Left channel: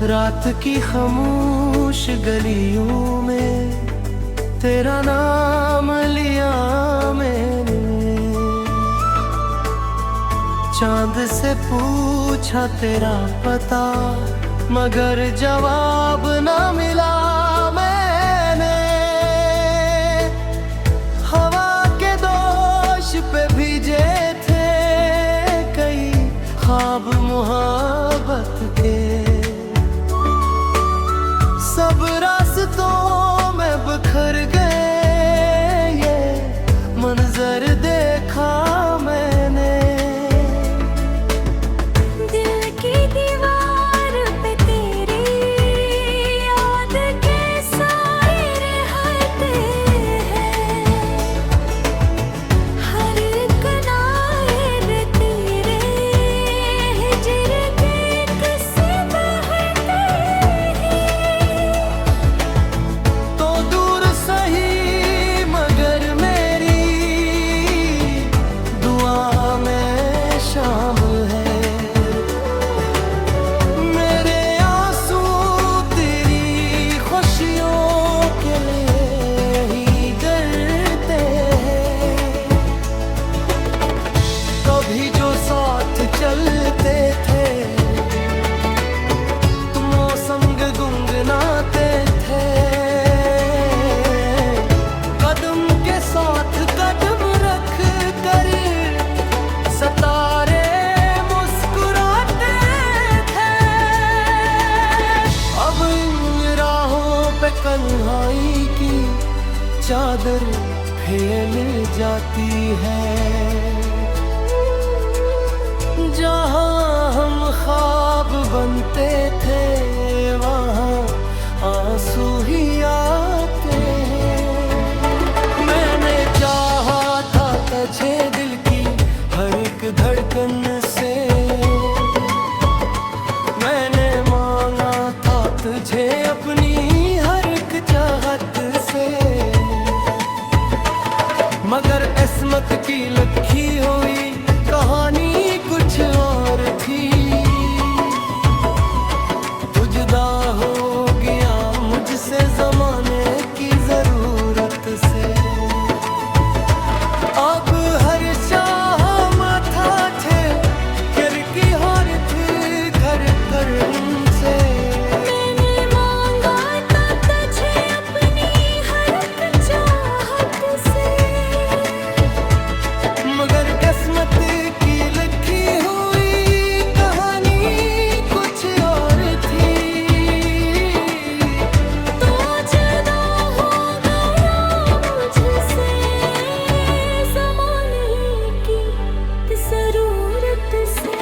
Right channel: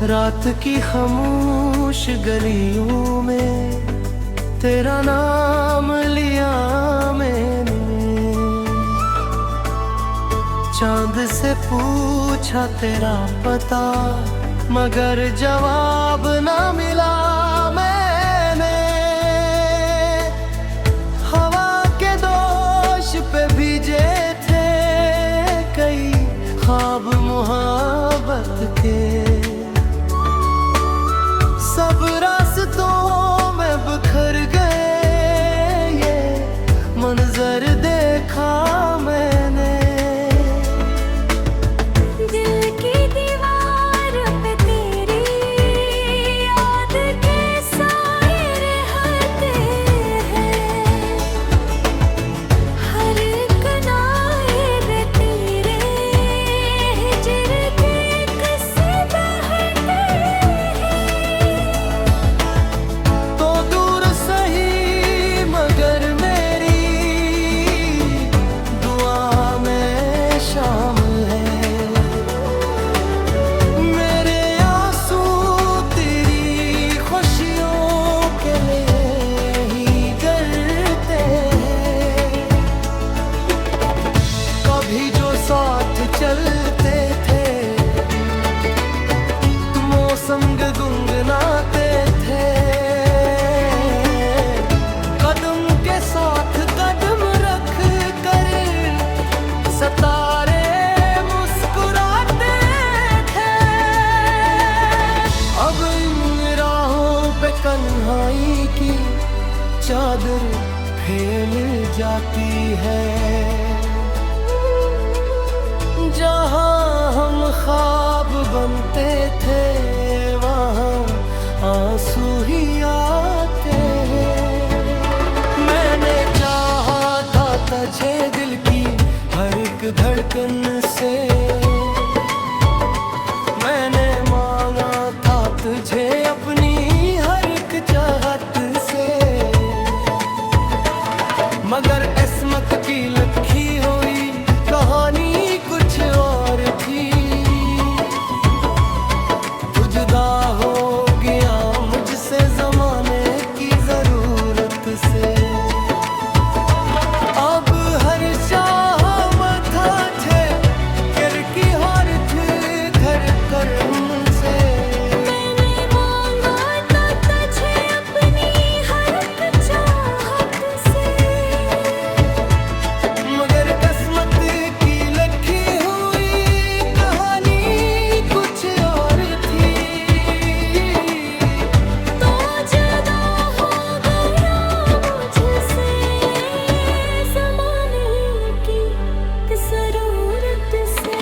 रात की खामोश गलियों में तेरा नाम लिया मैंने। चांद से पूछा तेरा पता, मगर जवाब ना मिला मैंने। हवा के दोष पे भीजे थे कई ख्वाब मोहब्बत के। सब रास्तों में बिखर गए, ये मंजर देखा मैंने। दिल की दीवार पे तेरी याद के साए रहते हैं। हर कनाए तेरे हिजर के किस्से बहते हैं। तो दूर सही मगर मेरी दुआ में शामिल है। मेरे आंसू तेरी खुशियों के लिए ही गिरते हैं। कभी जो साथ चलते थे, मौसम गुनगुनाते थे। कदम के साथ कदम रख कर सितारे मुस्कुराते थे। अब इन राहों पे कन्हाई की चादर फैल जाती है। जहाँ हम ख्वाब बनते थे, वहाँ आंसू ही आते हैं। मैंने चाहा था तुझे दिल की हर एक धड़कन से। मैंने मांगा था तुझे अपनी हर एक चाहत से। मगर किस्मत की लिखी हुई कहानी कुछ और थी। तू जुदा हो गया मुझसे ज़माने की ज़रूरत से। अब हर शाह माथा थे कर की हर थे कर कर से। मैंने मांगा था तुझे अपनी हर एक चाहत से। मगर किस्मत की लिखी हुई कहानी कुछ और थी। तो जुदा हो गया मुझसे ज़माने की ज़रूरत से।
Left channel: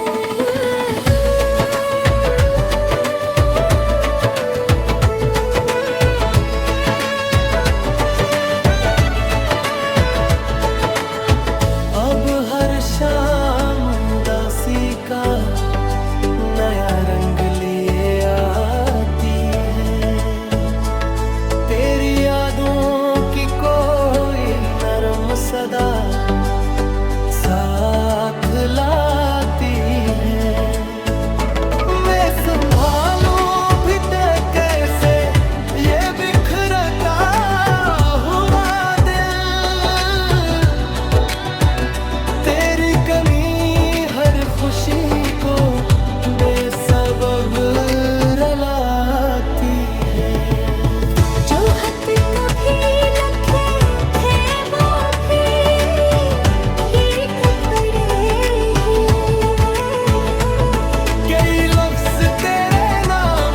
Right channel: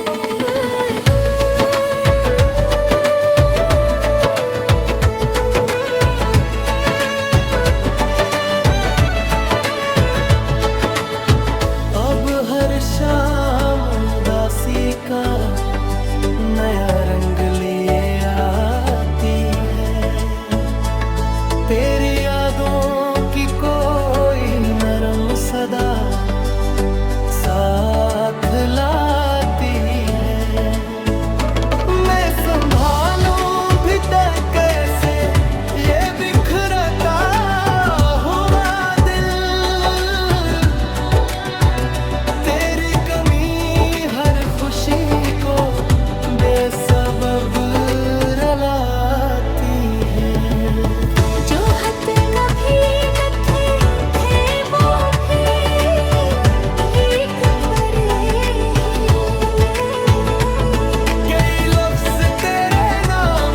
अब हर शाम उदासी का नया रंग लिए आती है। तेरी यादों की कोई नरम सदा साथ लाती है। मैं संभालूं भी तय कैसे ये बिखरता हुआ दिल। तेरी कमी हर खुशी को बेसबब रलाती है। जो हद कभी लखे थे वो भी एक पड़े हैं। कई लफ्ज तेरे नाम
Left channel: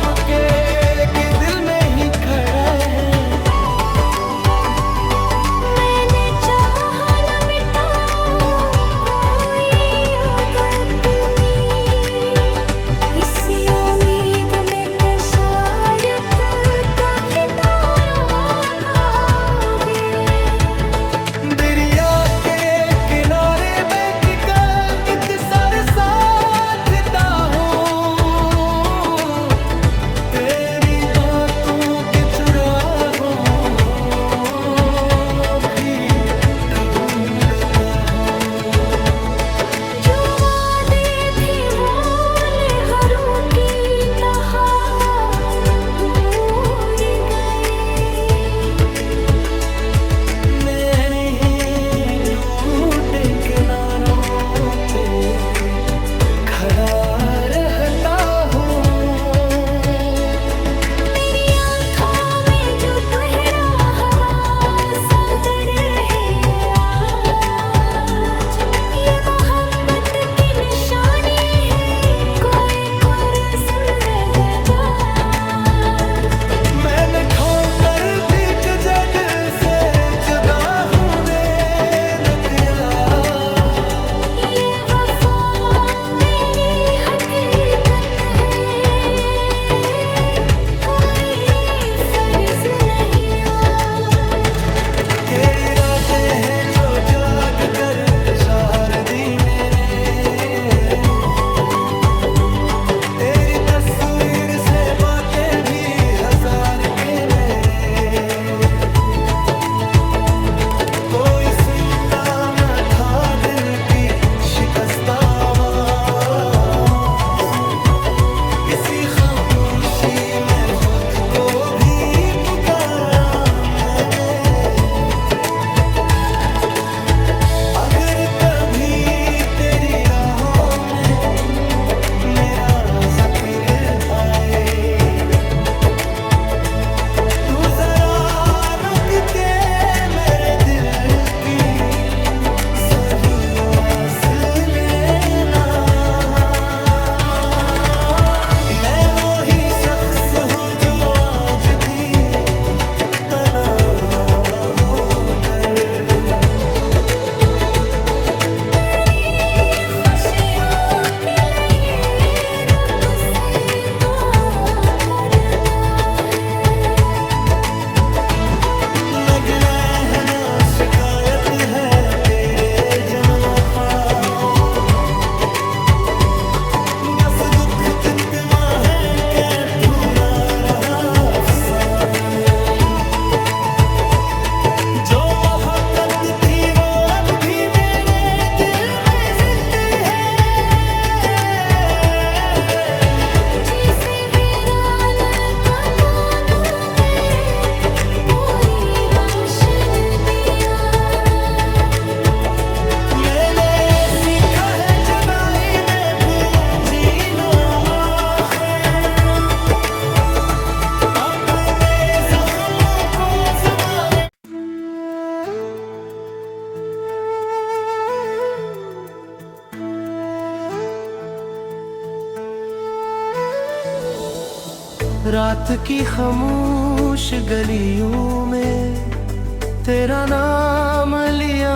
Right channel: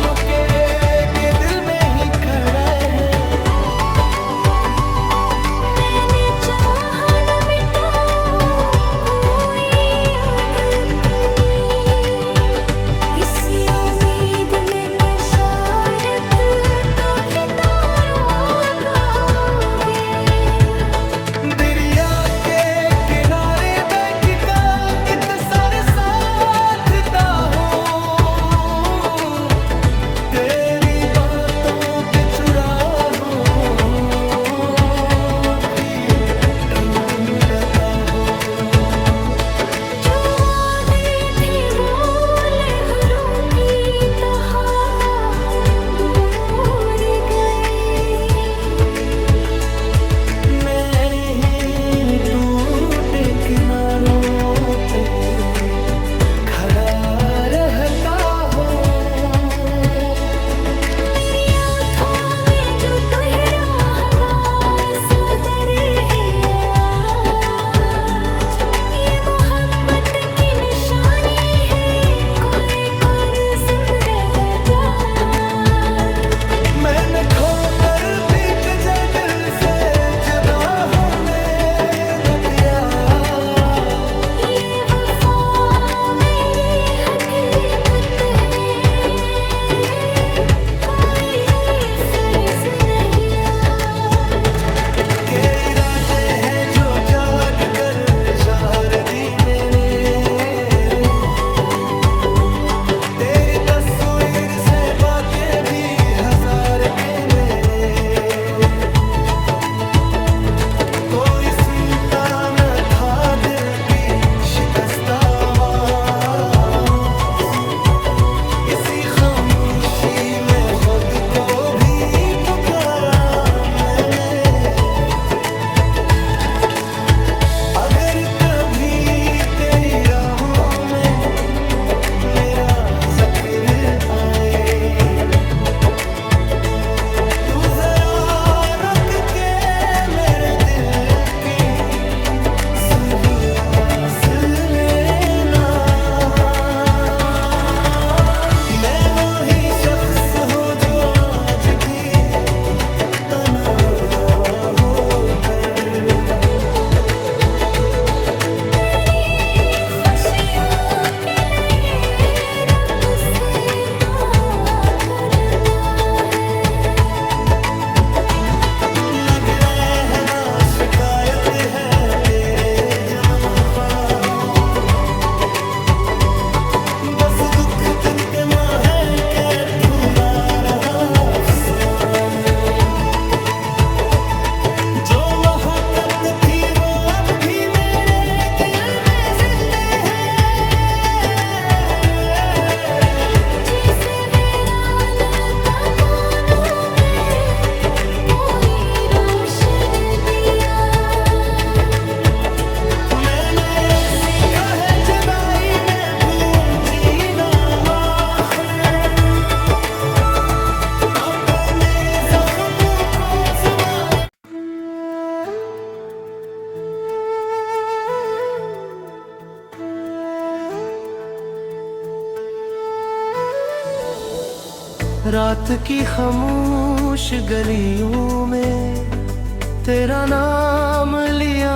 रात की खामोश गलियों में तेरा नाम लिया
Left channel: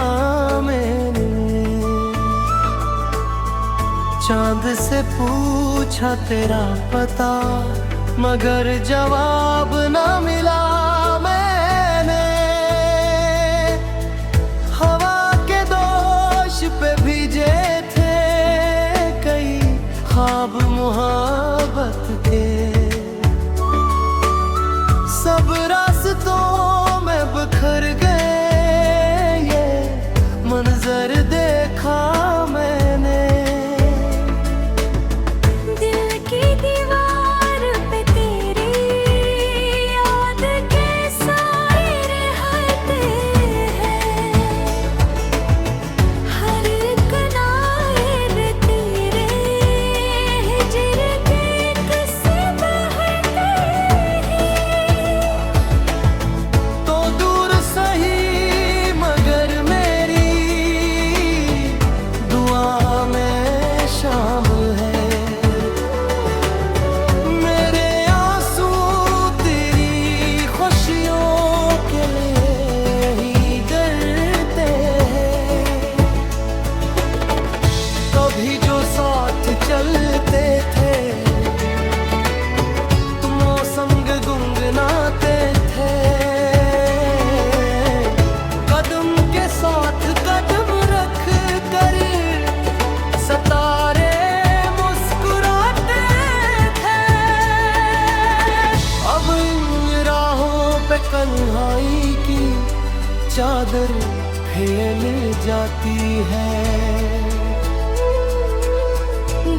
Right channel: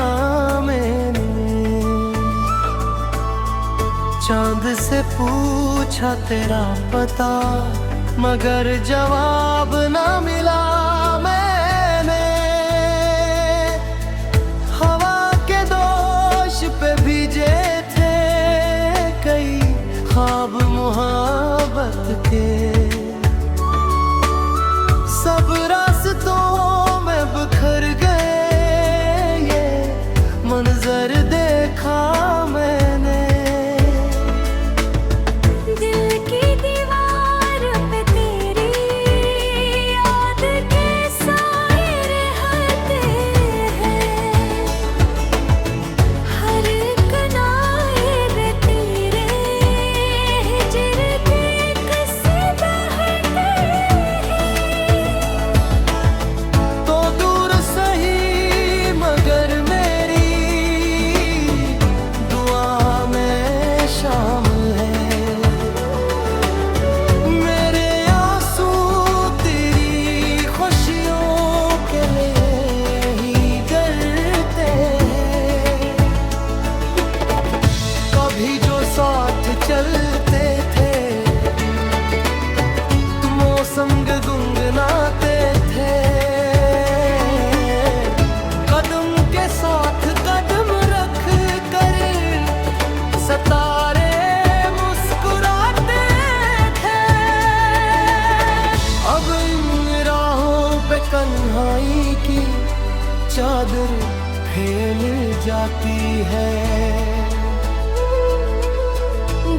मैंने, चांद से पूछा तेरा पता मगर जवाब ना मिला मैंने। हवा के दोष पे भीजे थे कई ख्वाब मोहब्बत के, सब रास्तों में बिखर गए ये मंजर देखा मैंने। दिल की दीवार पे तेरी याद के साए रहते हैं, हर कनाए तेरे हिजर के किस्से बहते हैं। तो दूर सही मगर मेरी दुआ में शामिल है, मेरे आंसू तेरी खुशियों के लिए ही गिरते हैं। कभी जो साथ चलते थे मौसम गुनगुनाते थे, कदम के साथ कदम रख कर सितारे मुस्कुराते थे। अब इन राहों पे कन्हाई की चादर फैल जाती है,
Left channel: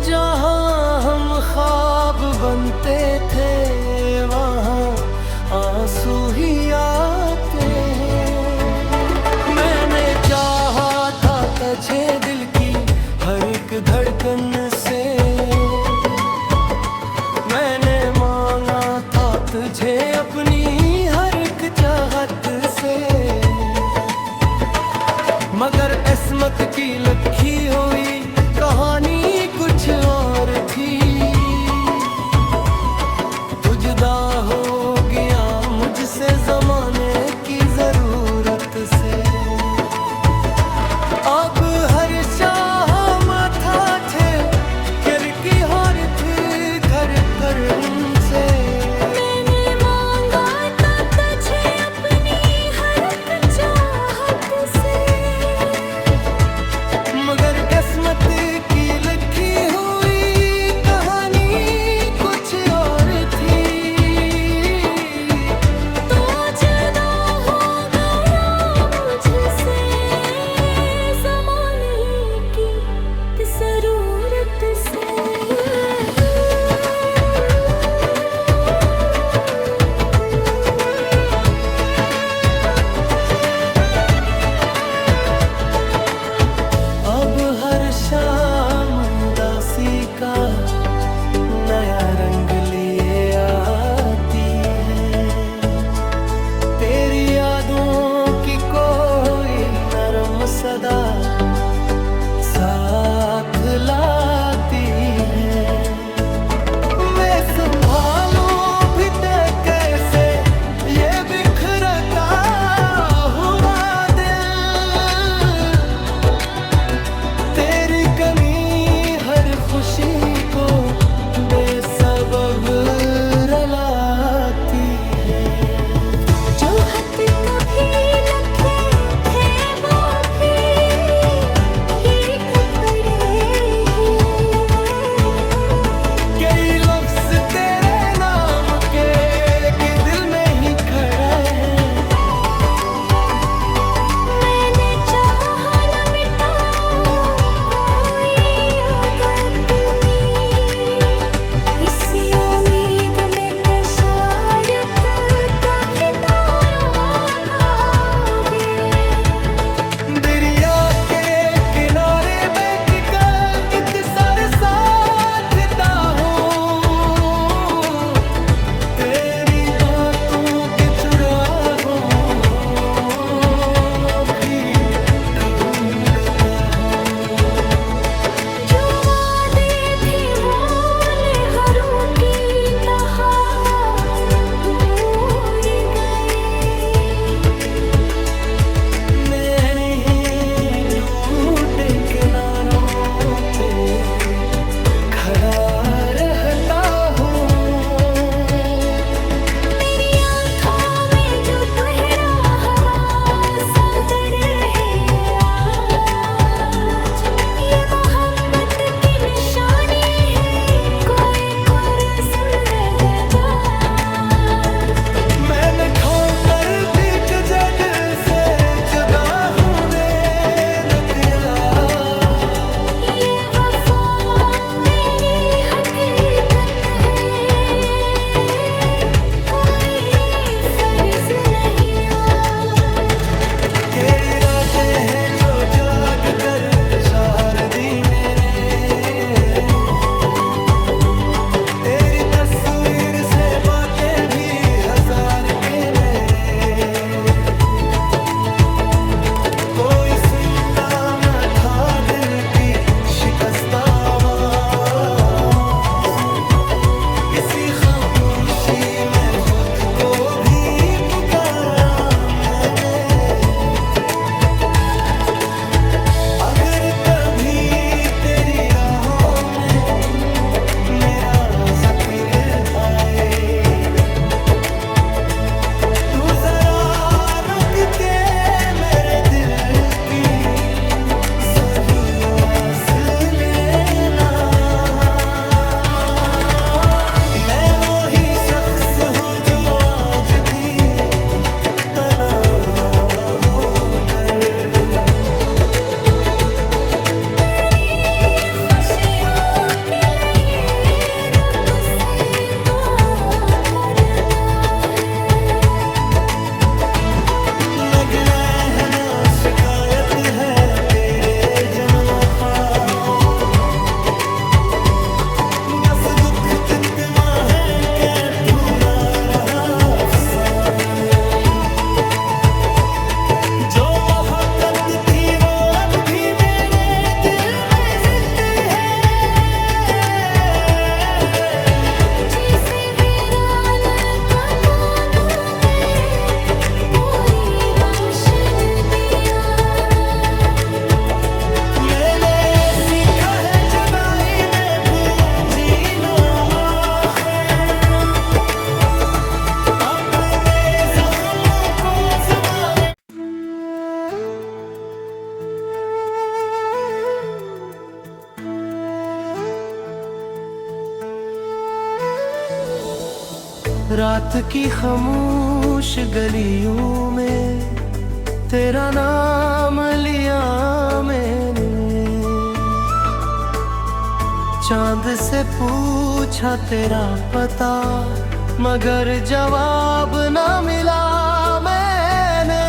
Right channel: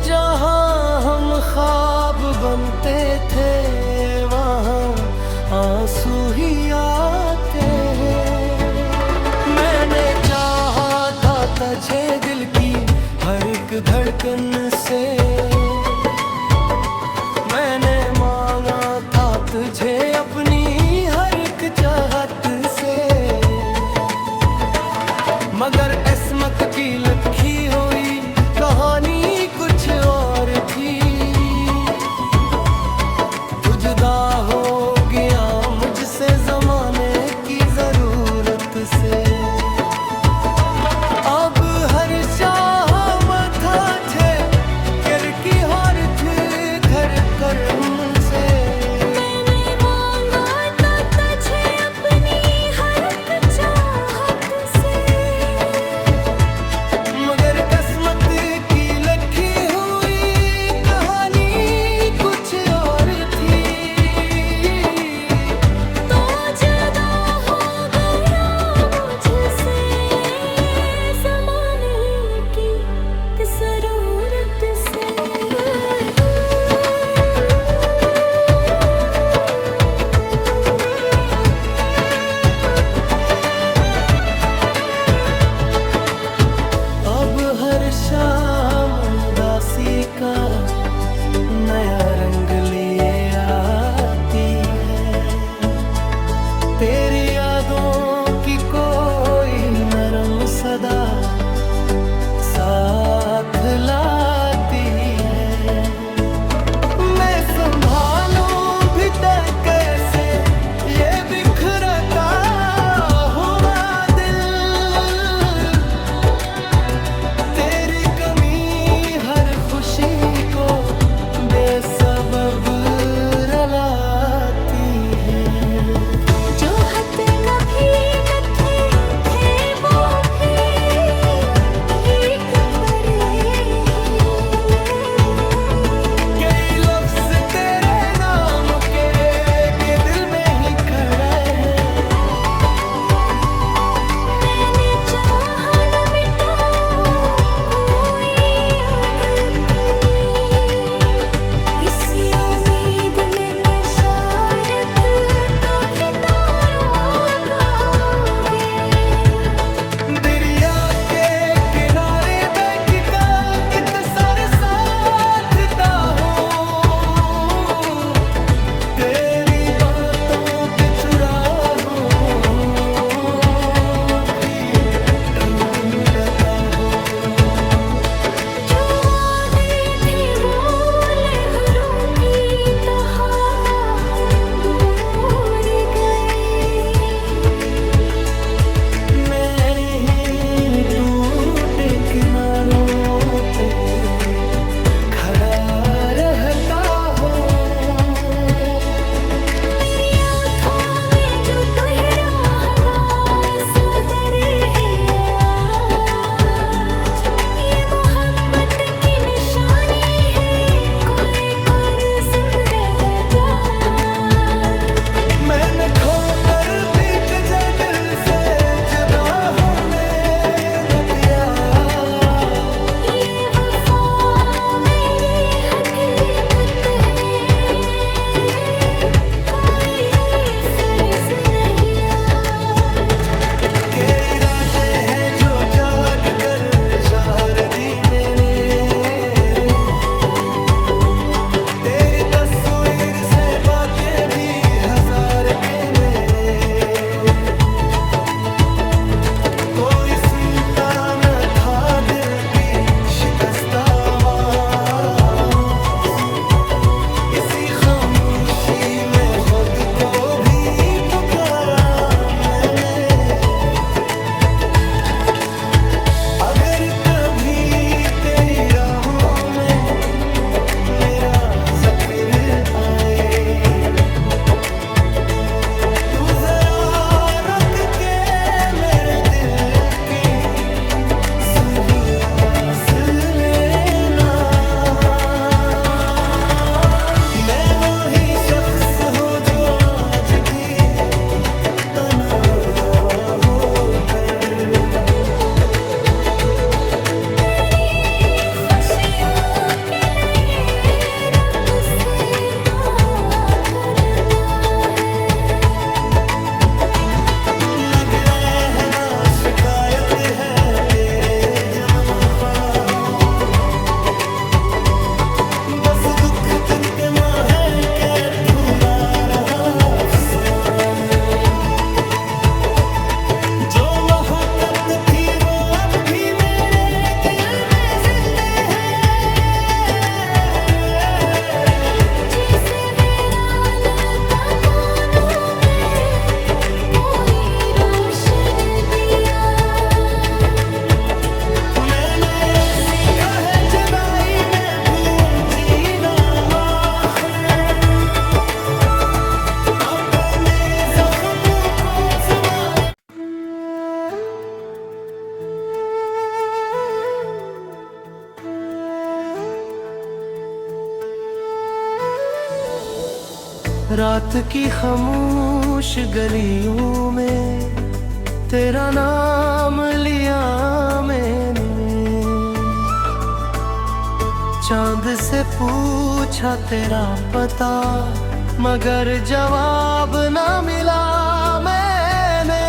जहाँ हम ख्वाब बनते थे वहाँ आंसू ही आते हैं। मैंने चाहा था तुझे दिल की हर एक धड़कन से, मैंने मांगा था तुझे अपनी हर एक चाहत से, मगर किस्मत की लिखी हुई कहानी कुछ और थी। तू जुदा हो गया मुझसे ज़माने की ज़रूरत से, अब हर शाह माथा थे कर की हर थी कर करम से। मैंने मांगा था तुझे अपनी हर एक चाहत से, मगर किस्मत की लिखी हुई कहानी कुछ और थी। तो जुदा हो गया मुझसे ज़माने की ज़रूरत से। अब हर शाम उदासी का नया रंग लिए आती है, तेरी यादों की कोई नरम सदा साथ लाती है। मैं संभालूं भी तय कैसे ये बिखरता हुआ दिल, तेरी कमी हर खुशी को बेसबब रलाती है। जो हद कभी लखे थे वो भी ठीक पड़े हैं। कई लफ्ज तेरे रात की खामोश गलियों में तेरा नाम लिया मैंने, चांद से पूछा तेरा पता मगर जवाब ना मिला मैंने।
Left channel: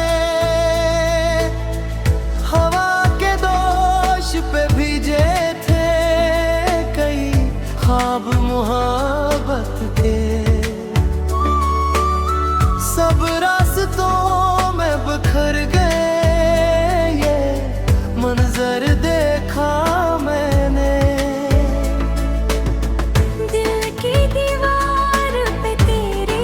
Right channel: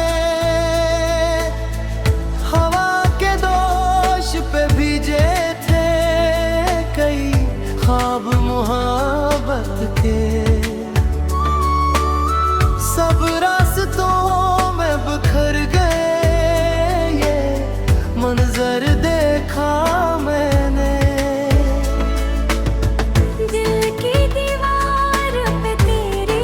हवा के दोष पे भीजे थे कई ख्वाब मोहब्बत के, सब रास्तों में बिखर गए ये मंजर देखा मैंने। दिल की दीवार पे तेरी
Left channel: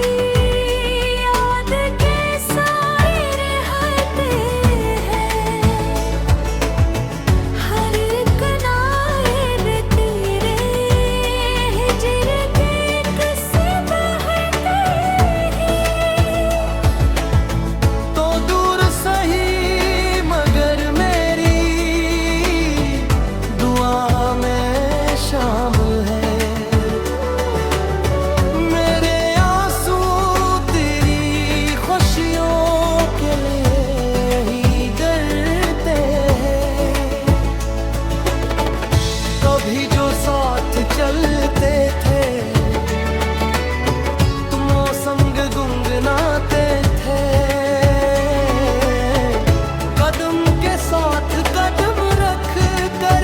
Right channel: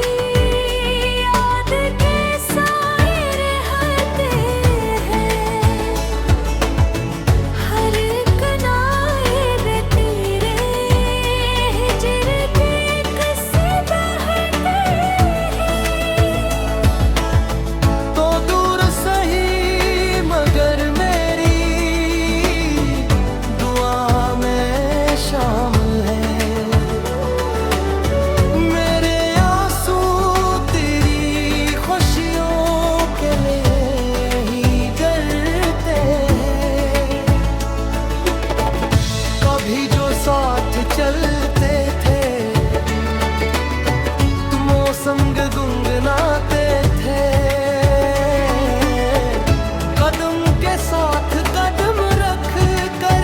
याद के साए रहते हैं, हर एक नाए तेरे हिजर के किस्से बहते हैं। तो दूर सही मगर मेरी दुआ में शामिल है, मेरे आंसू तेरी खुशियों के लिए ही गिरते हैं। कभी जो साथ चलते थे मौसम गुनगुनाते थे, कदम के साथ कदम रख कर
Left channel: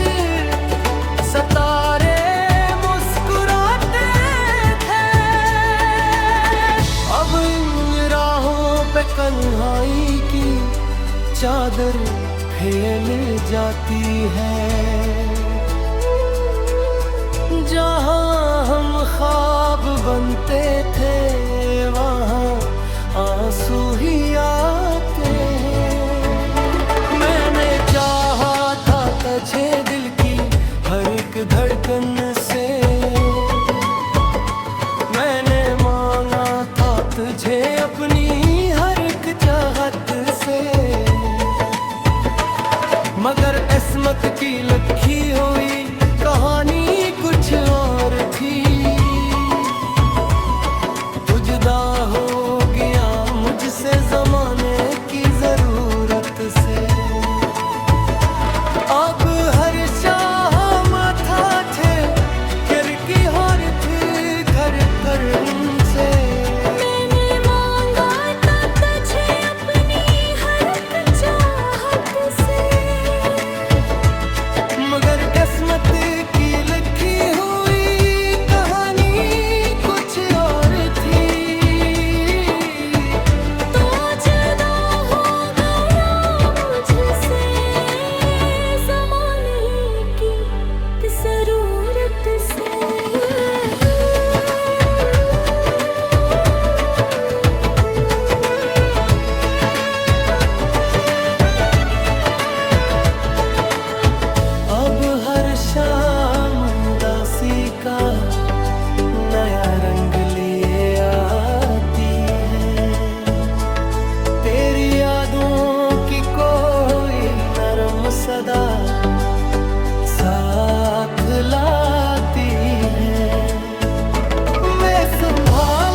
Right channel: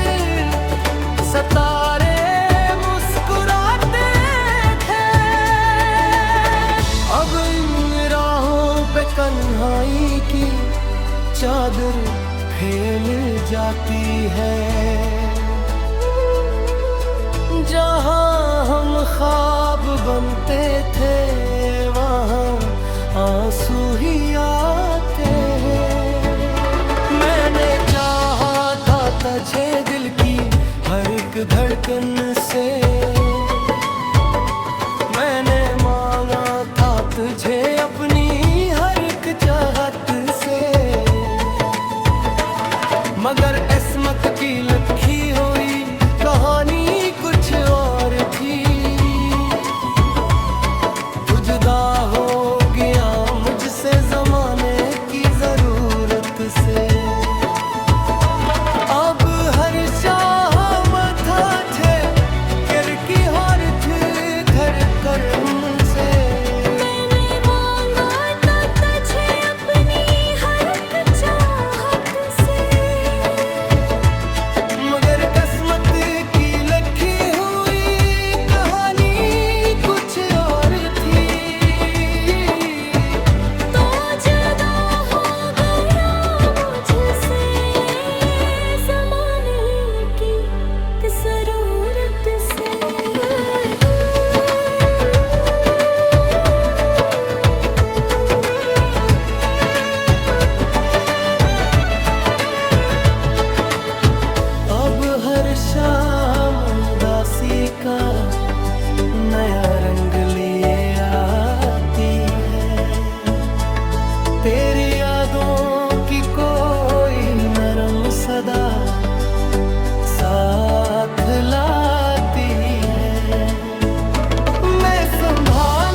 सितारे मुस्कुराते थे। अब इन राहों पे कन्हाई की चादर फैल जाती है, जहाँ हम ख्वाब बनते थे वहाँ आंसू ही आते हैं। मैंने चाहा था तुझे दिल की हर एक धड़कन से, मैंने मांगा था तुझे अपनी हर एक चाहत से, मगर किस्मत की लिखी हुई कहानी कुछ और थी। तू जुदा हो गया मुझसे ज़माने की ज़रूरत से, अब हर शाम था थे कर की हर थी घर करम से। मैंने मांगा था तुझे अपनी हर एक चाहत से, मगर किस्मत की लिखी हुई कहानी कुछ और थी। तो जुदा हो गया मुझसे ज़माने की ज़रूरत से। अब हर शाम उदासी का नया रंग लिए आती है, तेरी यादों की कोई नरम सदा साथ लाती है। मैं संभाल